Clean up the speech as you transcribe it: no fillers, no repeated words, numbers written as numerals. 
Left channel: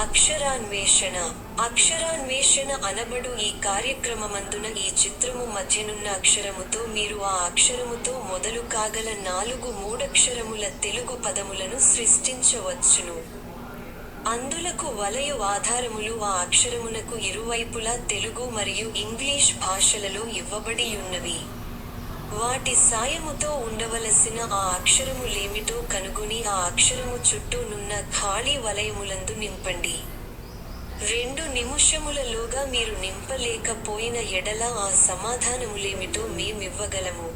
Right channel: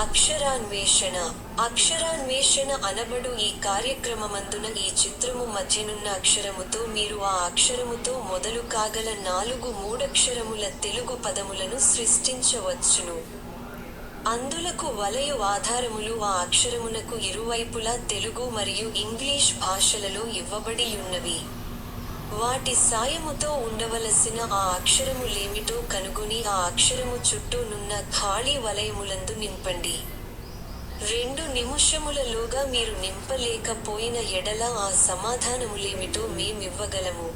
అక్షరాన్వేషణ. అక్షరాన్వేషణ అనబడు ఈ కార్యక్రమమందున ఈ చిత్రము మధ్యనున్న అక్షరముతో మీరు ఆ అక్షరముతో మొదలు కాగల 4 మూడక్షరముల తెలుగు పదములను సృష్టించవచ్చును. అందులకు వలయు ఆధారములు ఆ అక్షరమునకు ఇరువైపులా తెలుగు మరియు ఇంగ్లీష్ భాషలలో ఇవ్వబడియున్నవి. వాటి సాయముతో ఉండవలసిన ఆ అక్షరములేమిటో కనుగొని ఆ అక్షరము చుట్టూ నున్న ఖాళీ వలయములందు నింపండి. 2 నిముషములలోగా మీరు నింపలేక పోయిన ఎడల ఆ సమాధానములేమిటో మేమివ్వగలము.